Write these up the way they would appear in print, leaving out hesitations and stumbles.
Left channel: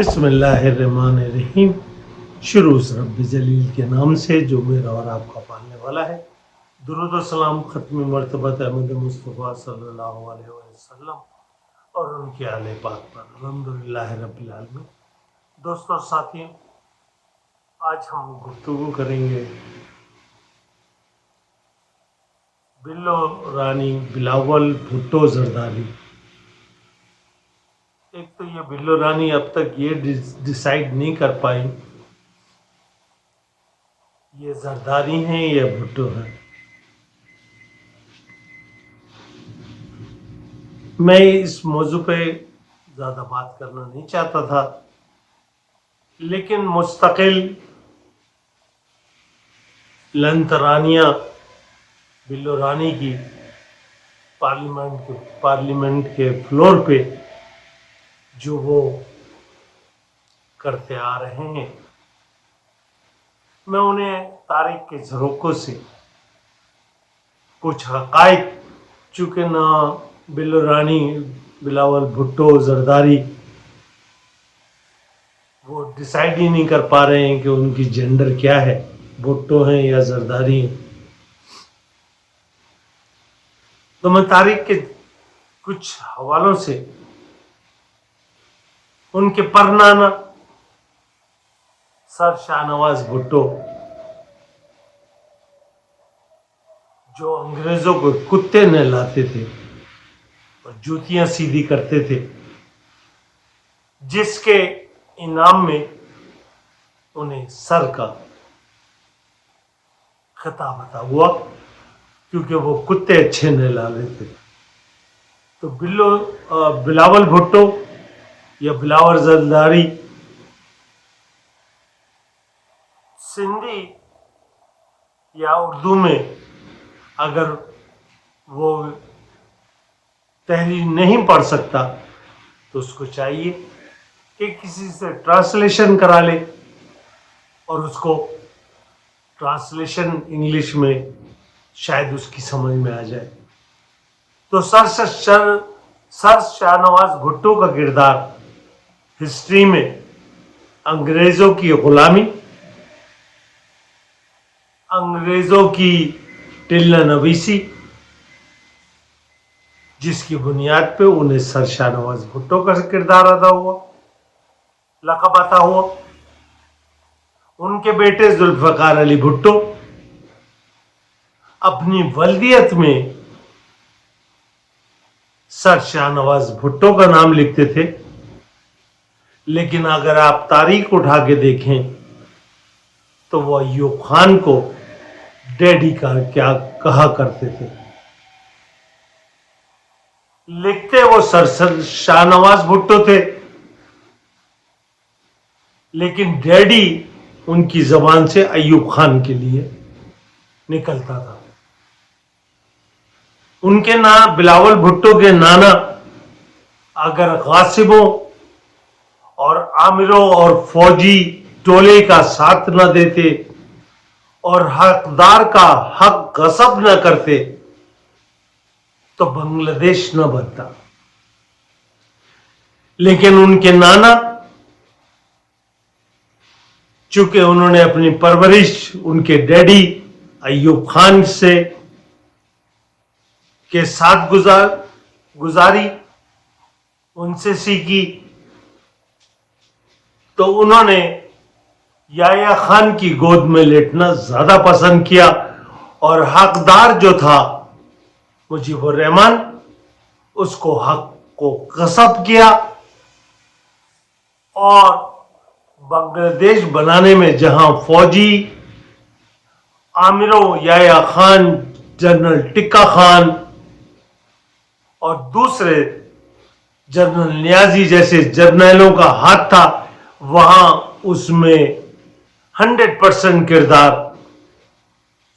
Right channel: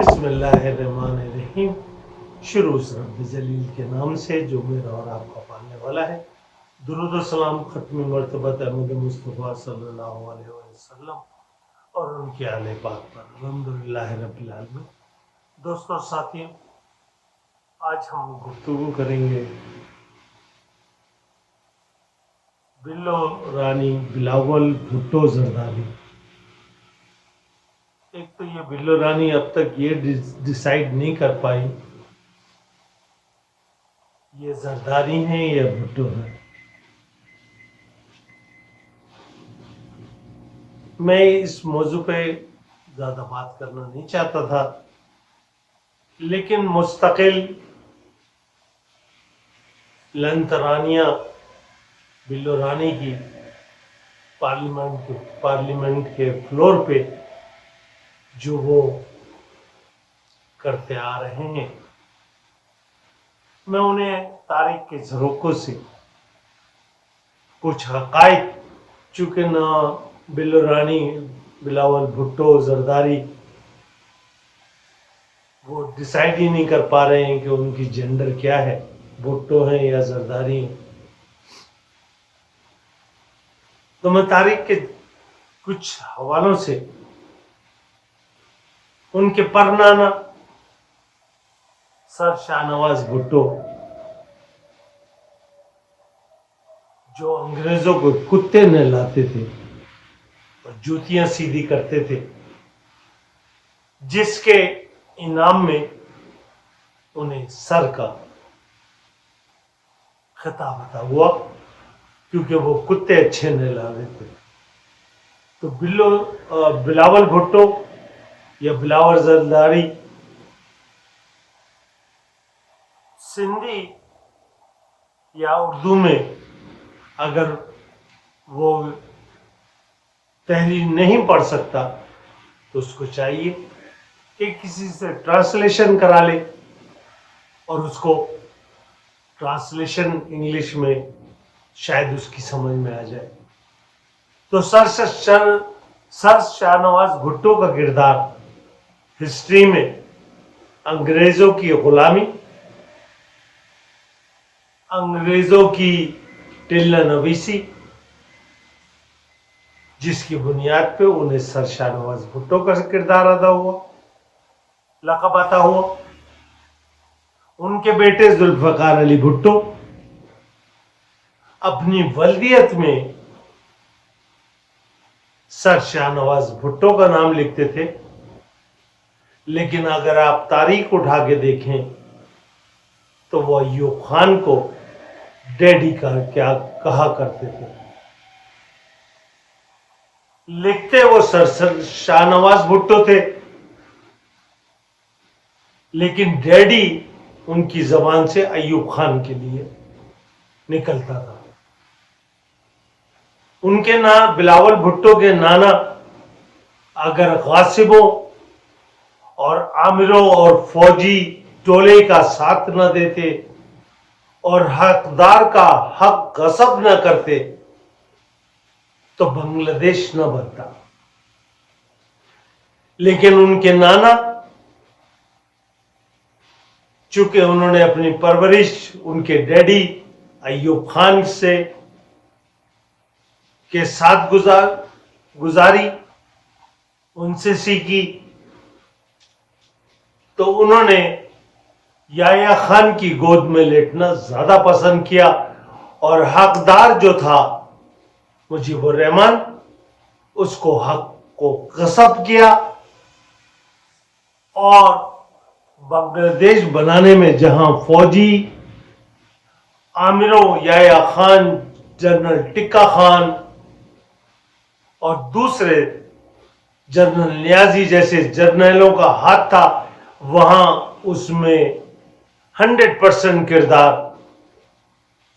بسم اللہ الرحمن الرحیم۔ شروع اس رب جلیل کے نام سے جو میرا اور آپ کا پالنے والا ہے۔ درود و سلام ختم مرتبت احمد مصطفیٰ صلی اللہ علیہ وسلم اور ان کے آل پاک پر الحمدللہ رب العالمین۔ دوستو ساتھیوں، آج ہم گفتگو کریں گے بلو رانی بلاول بھٹو زرداری۔ ایک تو یہ بلو رانی اب تک یہ ڈیسائیڈ نہیں کر پائی یہ زرداری ہیں یا بھٹو ہیں۔ میں اس موضوع پہ زیادہ بات کرنا نہیں چاہتا تھا، لیکن مستقل لنترانیہ بلو رانی کی پارلیمنٹ کے فلور پہ جو وہ کرتے آ رہے ہیں، میں انہیں تاریخ کے جھروکوں سے کچھ حقائق، چونکہ نہ بلو رانی بلاول بھٹو زرداری وہ ڈیسائیڈ ہی نہیں کر پا رہے ہیں کہ ان کی جینڈر کیا ہے، بھٹو ہیں یا زرداری ہیں، تو میں تاریخ کے کچھ حوالوں سے ان کے پرنانا سر شاہنواز بھٹو، جو انگریزوں کو کتے نہلاتے تھے اور جوتیاں سیدھی کرتے تھے، جس کے انعام میں انہیں سر کا خطاب عطا ہوا کیونکہ وہ کتے اچھے نہلا لیتے تھے۔ تو بلاول بھٹو یا بلاول زرداری سندھی یا اردو میں اگر وہ تحریر نہیں پڑھ سکتا تو اس کو چاہیے کہ کسی سے ٹرانسلیشن کرا لے اور اس کو ٹرانسلیشن انگلش میں شاید اس کی سمجھ میں آ جائے۔ تو سر شاہنواز بھٹو کا کردار ہسٹری میں انگریزوں کی غلامی، انگریزوں کی ٹلہ نویسی، جس کی بنیاد پہ انہیں سر شاہنواز بھٹو کا کردار ادا ہوا، لقب عطا ہوا۔ ان کے بیٹے ذوالفقار علی بھٹو اپنی ولدیت میں سر شاہنواز بھٹو کا نام لکھتے تھے، لیکن اگر آپ تاریخ اٹھا کے دیکھیں تو وہ ایوب خان کو ڈیڈی کا کیا کہا کرتے تھے۔ لکھتے وہ سر شاہنواز بھٹو تھے، لیکن ڈیڈی ان کی زبان سے ایوب خان کے لیے نکلتا تھا۔ ان کے بلاول بھٹو کے نانا اگر غاصبوں اور عامروں اور فوجی ٹولے کا ساتھ نہ دیتے اور حقدار کا حق غصب نہ کرتے تو بنگلہ دیش نہ بنتا، لیکن ان کے نانا، چونکہ انہوں نے اپنی پرورش ان کے ڈیڈی ایوب خان کے ساتھ گزاری، ان سے سیکھی، تو انہوں نے یحییٰ خان کی گود میں لیٹنا زیادہ پسند کیا اور حقدار جو تھا مجیب الرحمن، اس کو حق کو غصب کیا اور بنگلہ دیش بنانے میں جہاں فوجی عامروں یحییٰ خان، جنرل ٹکا خان اور دوسرے جنرل نیازی جیسے جرنیلوں کا ہاتھ تھا، وہاں اس میں 100% کردار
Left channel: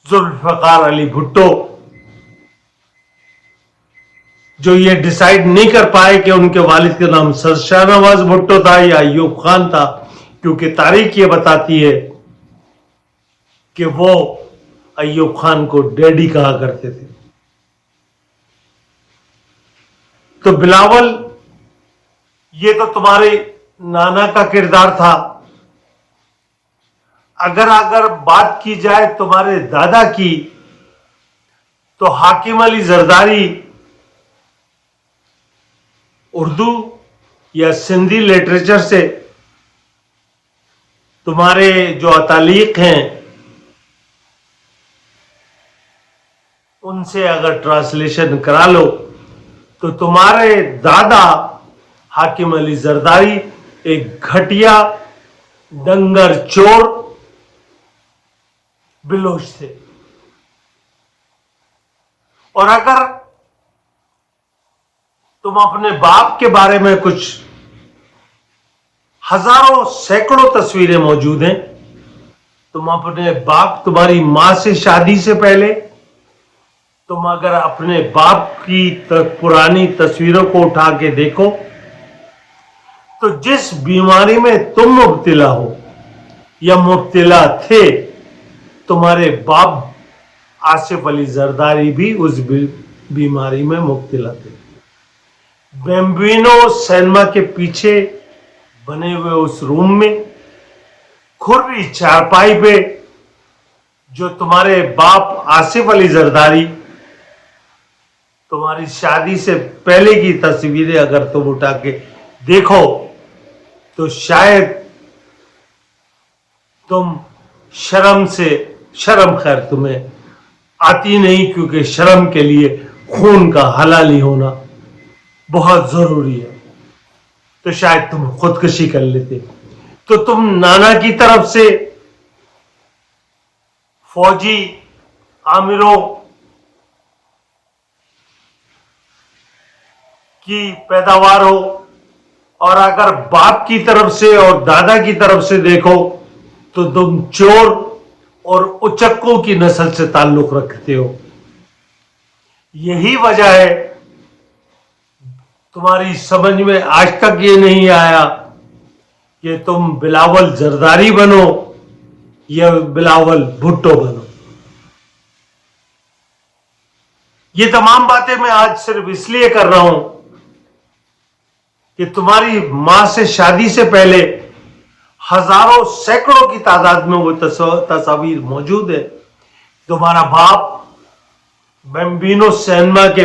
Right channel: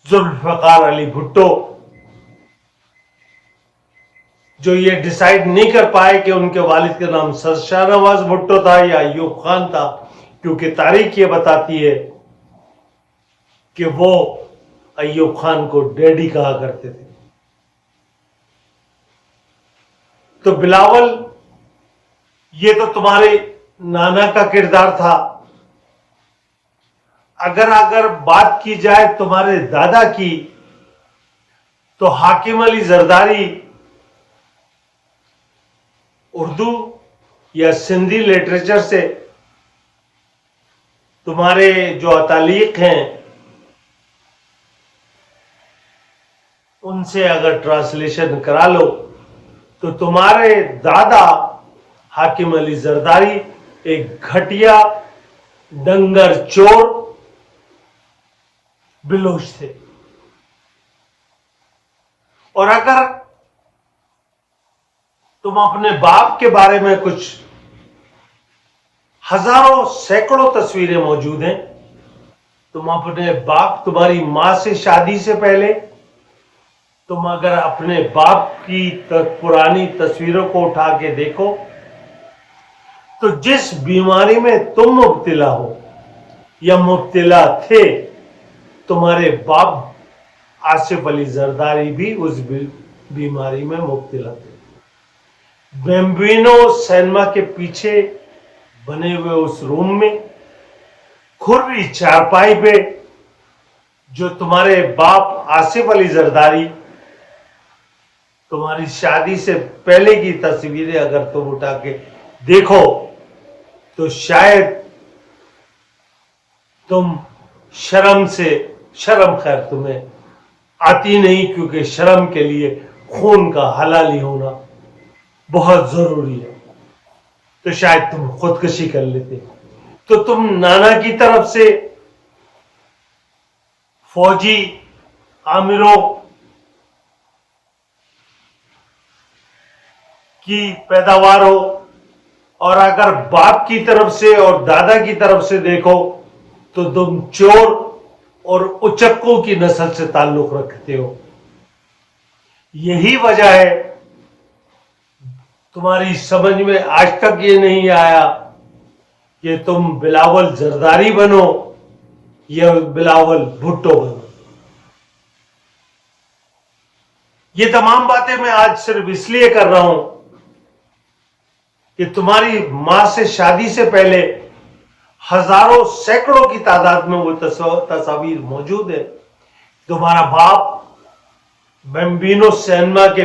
ذوالفقار علی بھٹو، جو یہ ڈیسائیڈ نہیں کر پائے کہ ان کے والد کا نام سر شاہنواز بھٹو تھا یا ایوب خان تھا، کیونکہ تاریخ یہ بتاتی ہے کہ وہ ایوب خان کو ڈیڈی کہا کرتے تھے۔ تو بلاول، یہ تو تمہارے नाना का किरदार था। अगर बात की जाए तुम्हारे दादा की, तो हाकिम अली जरदारी उर्दू या सिंधी लिटरेचर से तुम्हारे जो अतालीक हैं उनसे अगर ट्रांसलेशन करा लो तो तुम्हारे दादा हाकिम अली जरदारी एक घटिया दंगर चोर बिलोच थे। और अगर तुम अपने बाप के बारे में कुछ हजारों सैकड़ों तस्वीरें मौजूद हैं, तुम अपने बाप, तुम्हारी मां से शादी से पहले तुम अगर अपने बाप की पुरानी तस्वीरों को उठा के देखो तो जिस बीमारी में तुम मुब्तिला हो या मुब्तिला थे, तुम्हारे बाप आसिफ अली जरदारी भी उस बीमारी में मुब्तिला थे। बेम्बिनो सिनेमा के पीछे बने हुए उस रूम में खुर्री चारपाई पे जो तुम्हारे बाप आसिफ अली जरदारी, तुम्हारी शादी से पहले की तस्वीरें अगर तुम उठा के देखो तो शायद तुम शर्म खैर तुम्हें आती नहीं, क्योंकि शर्म के लिए खून का हलाली होना बहुत जरूरी है। तो शायद तुम खुदकुशी कर लेते। तो तुम नाना की तरफ से फौजी आमिरों की पैदावार हो, और अगर बाप की तरफ से और दादा की तरफ से देखो तो तुम चोर और उचक्कों की नस्ल से ताल्लुक रखते हो। यही वजह है तुम्हारी समझ में आज तक ये नहीं आया कि तुम बिलावल जरदारी बनो या बिलावल भुट्टो बनो। ये तमाम बातें मैं आज सिर्फ इसलिए कर रहा हूं कि तुम्हारी मां से शादी से पहले हजारों सैकड़ों की तादाद में वो तस्वीर मौजूद है। तुम्हारा बाप बेम्बिनो सिनेमा के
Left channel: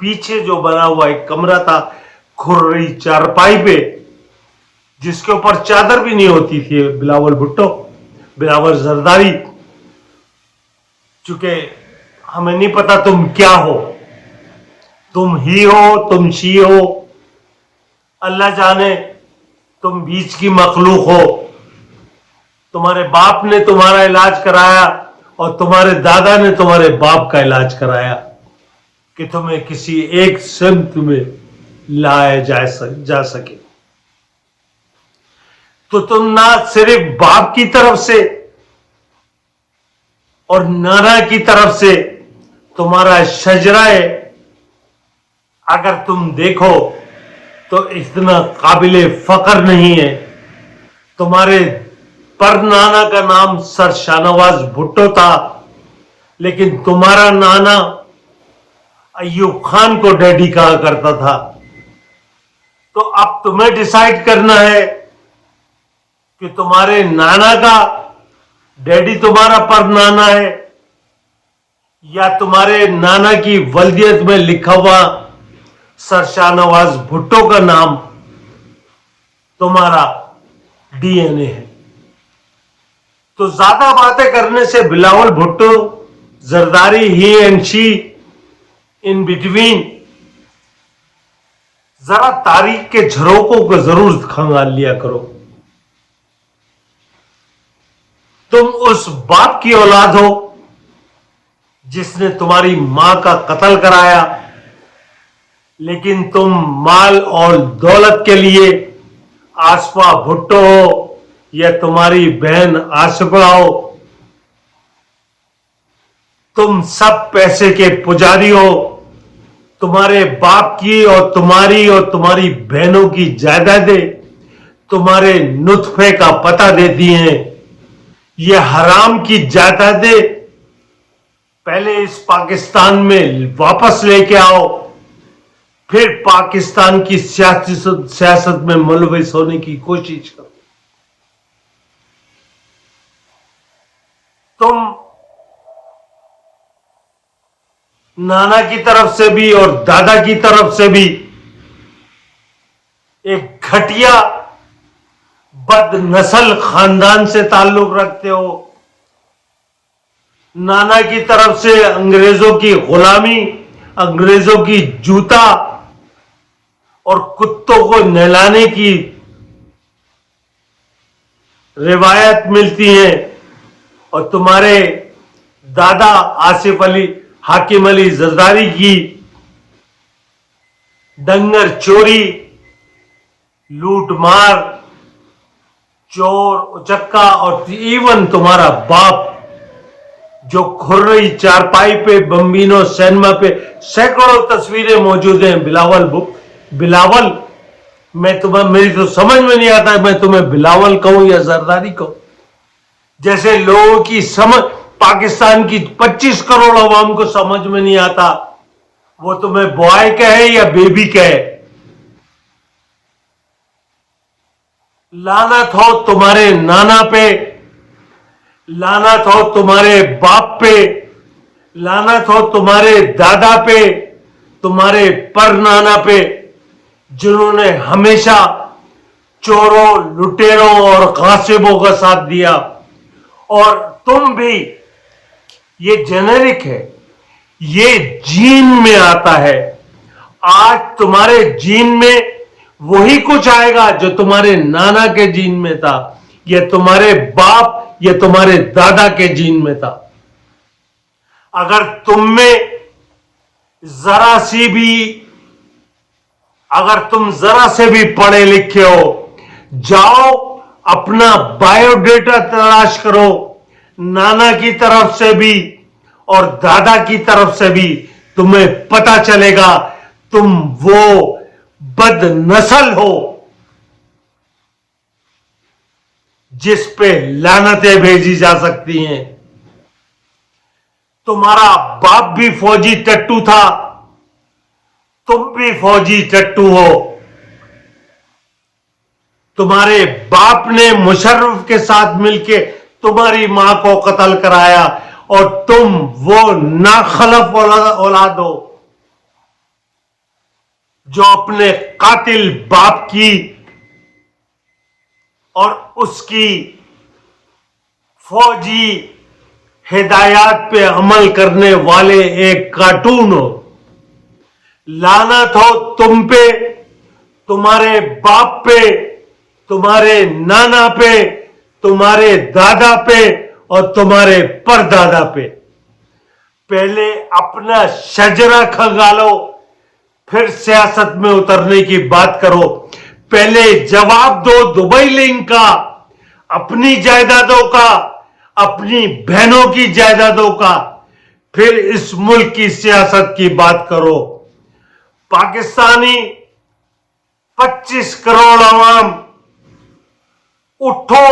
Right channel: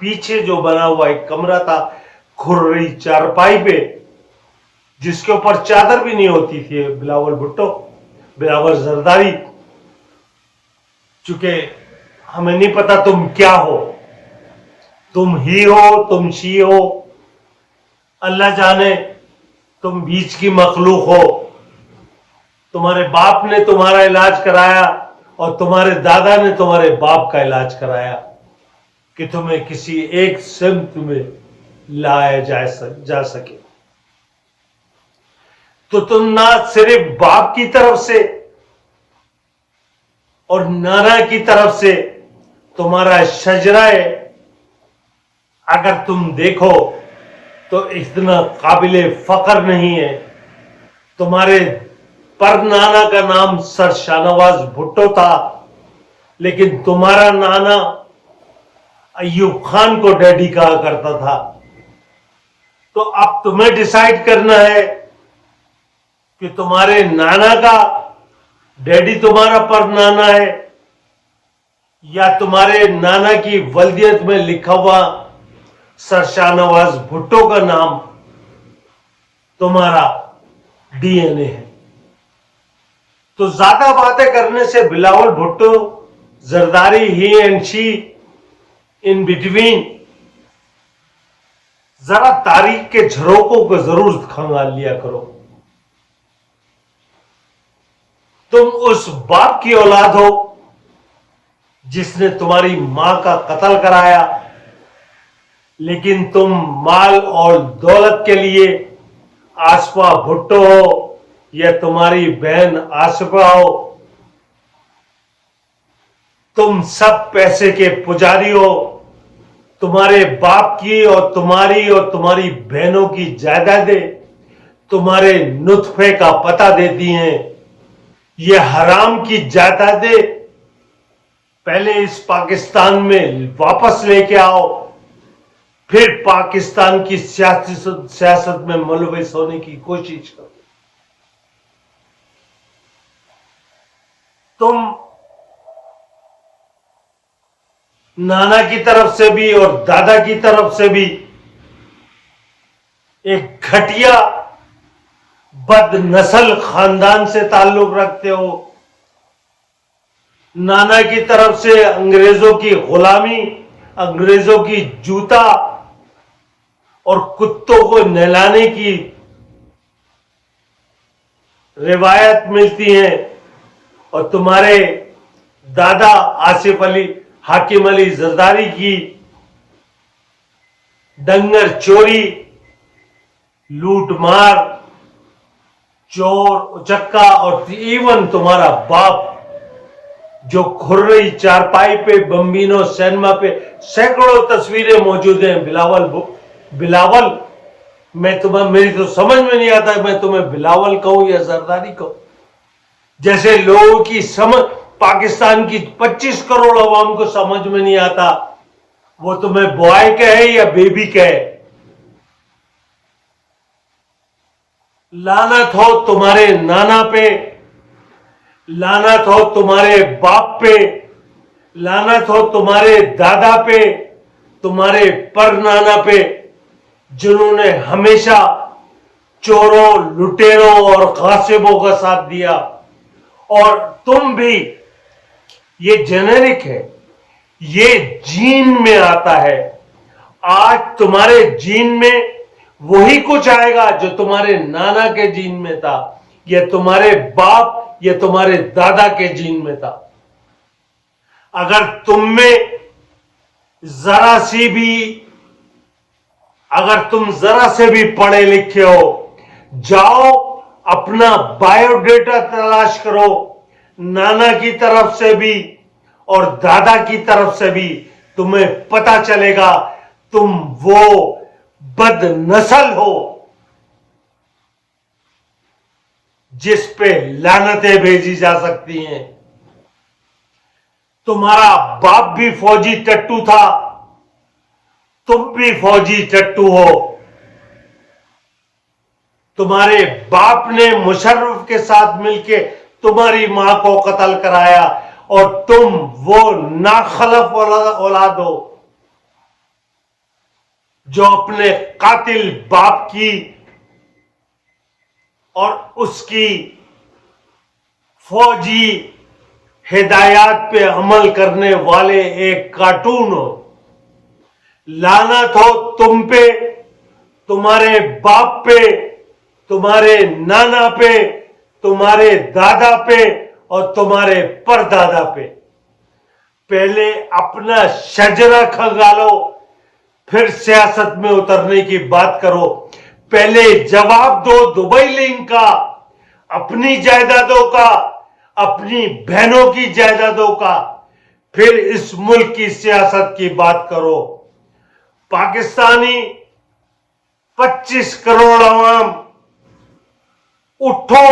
पीछे जो बना हुआ एक कमरा था खुर्री चारपाई पे, जिसके ऊपर चादर भी नहीं होती थी, बिलावल भुट्टो, बिलावल जरदारी। चूंकि हमें नहीं पता तुम क्या हो, तुम ही हो, तुम शी हो, अल्लाह जाने तुम बीच की मखलूक हो। तुम्हारे बाप ने तुम्हारा इलाज कराया और तुम्हारे दादा ने तुम्हारे बाप का इलाज कराया कि तुम्हें किसी एक सिमत में लाया जा सके। तो तुम ना सिर्फ बाप की तरफ से और नाना की तरफ से तुम्हारा शजराए अगर तुम देखो तो इतना काबिले फख्र नहीं है। तुम्हारे पर नाना का नाम सर शाहनवाज भुट्टो था, लेकिन तुम्हारा नाना अय्यूब खान को डैडी कहा करता था। तो अब तुम्हें डिसाइड करना है कि तुम्हारे नाना का डैडी तुम्हारा पर नाना है या तुम्हारे नाना की वल्दियत में लिखा हुआ सर शाहनवाज भुट्टो का नाम तुम्हारा डीएनए है। तो ज्यादा बातें करने से बिलावल भुट्टो जरदारी ही एंड शी इन बिटवीन जरा तारीख के झरोकों को जरूर खंगाल लिया करो। तुम उस बाप की औलाद हो जिसने तुम्हारी मां का कत्ल कराया, लेकिन तुम माल और दौलत के लिए आसफा भुट्टो हो या तुम्हारी बहन आसफा हो, तुम सब पैसे के पुजारी हो। तुम्हारे बाप की और तुम्हारी बहनों की जायदादें तुम्हारे नुत्फे का पता देती हैं। ये हराम की जायदादें पहले इस पाकिस्तान में वापस लेके आओ, फिर पाकिस्तान की सियासत में मुलविस होने की कोशिश करो। तुम नाना की तरफ से भी और दादा की तरफ से भी एक घटिया बदनस्ल खानदान से ताल्लुक रखते हो। नाना की तरफ से अंग्रेजों की गुलामी, अंग्रेजों की जूता और कुत्तों को नहलाने की रिवायत मिलती है, और तुम्हारे दादा आसिफ अली हाकिम अली जरदारी की डंगर चोरी, लूट मार, चोर उचक्का, और इवन तुम्हारा बाप जो खुर्रई चारपाई पे बम्बिनो सिनेमा पे सैकड़ों तस्वीरें मौजूद हैं। बिलावल मेरी तो समझ में नहीं आता मैं तुम्हें बिलावल कहूं या जरदारी कहूं। जैसे लोगों की समझ पाकिस्तान की 25 करोड़ अवाम को समझ में नहीं आता, वो तुम्हें बॉय कहे या बेबी कहे। लानत हो तुम्हारे नाना पे, लानत हो तुम्हारे बाप पे, लानत हो तुम्हारे दादा पे, तुम्हारे परनाना पे, जिन्होंने हमेशा चोरों, लुटेरों और गासिबों का साथ दिया। और तुम भी, ये जेनेरिक है, ये जीन में आता है। आज तुम्हारे जीन में वही कुछ आएगा जो तुम्हारे नाना के जीन में था, या तुम्हारे बाप या तुम्हारे दादा के जीन में था। अगर तुम जरा से भी पढ़े लिखे हो, जाओ अपना बायोडेटा तलाश करो, नाना की तरफ से भी और दादा की तरफ से भी, तुम्हें पता चलेगा तुम वो बदनस्ल हो जिस पे लानतें भेजी जा सकती हैं। तुम्हारा बाप भी फौजी टट्टू था, तुम भी फौजी टट्टू हो। तुम्हारे बाप ने मुशर्रफ के साथ मिलके तुम्हारी मां को कत्ल कराया, और तुम वो नाखलफ औलाद हो जो अपने कातिल बाप की और उसकी फौजी हिदायत पे अमल करने वाले एक कार्टून हो। लानत हो तुम पे, तुम्हारे बाप पे, तुम्हारे नाना पे, तुम्हारे दादा पे और तुम्हारे परदादा पे। पहले अपना शजरा खंगालो, फिर सियासत में उतरने की बात करो। पहले जवाब दो दुबई लिंक का, अपनी जायदादों का, अपनी बहनों की जायदादों का, फिर इस मुल्क की सियासत की बात करो। पाकिस्तानी 25 करोड़ अवाम, उठो,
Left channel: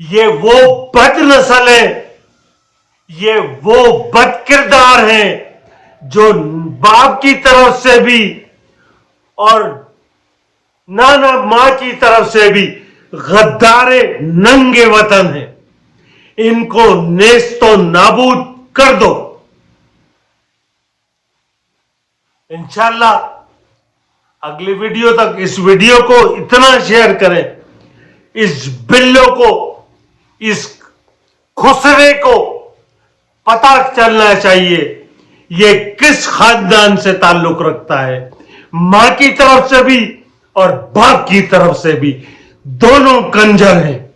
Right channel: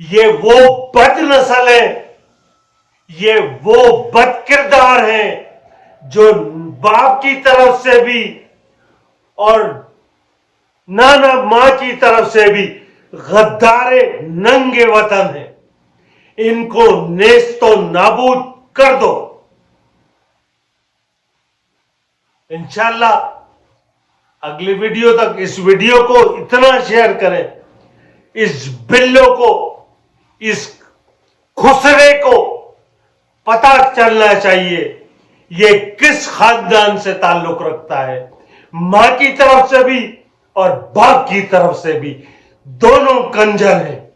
ये वो बदनस्ल है, ये वो बदकिरदार हैं जो बाप की तरफ से भी और नाना मां की तरफ से भी गद्दारे नंगे वतन हैं। इनको नेस्तो नाबूद कर दो। इंशाल्लाह अगली वीडियो तक इस वीडियो को इतना शेयर करें, इस बिल्लो को, इस खुसरे को पता चलना चाहिए ये किस खानदान से ताल्लुक रखता है। मां की तरफ से भी और बाप की तरफ से भी, दोनों कंजर हैं।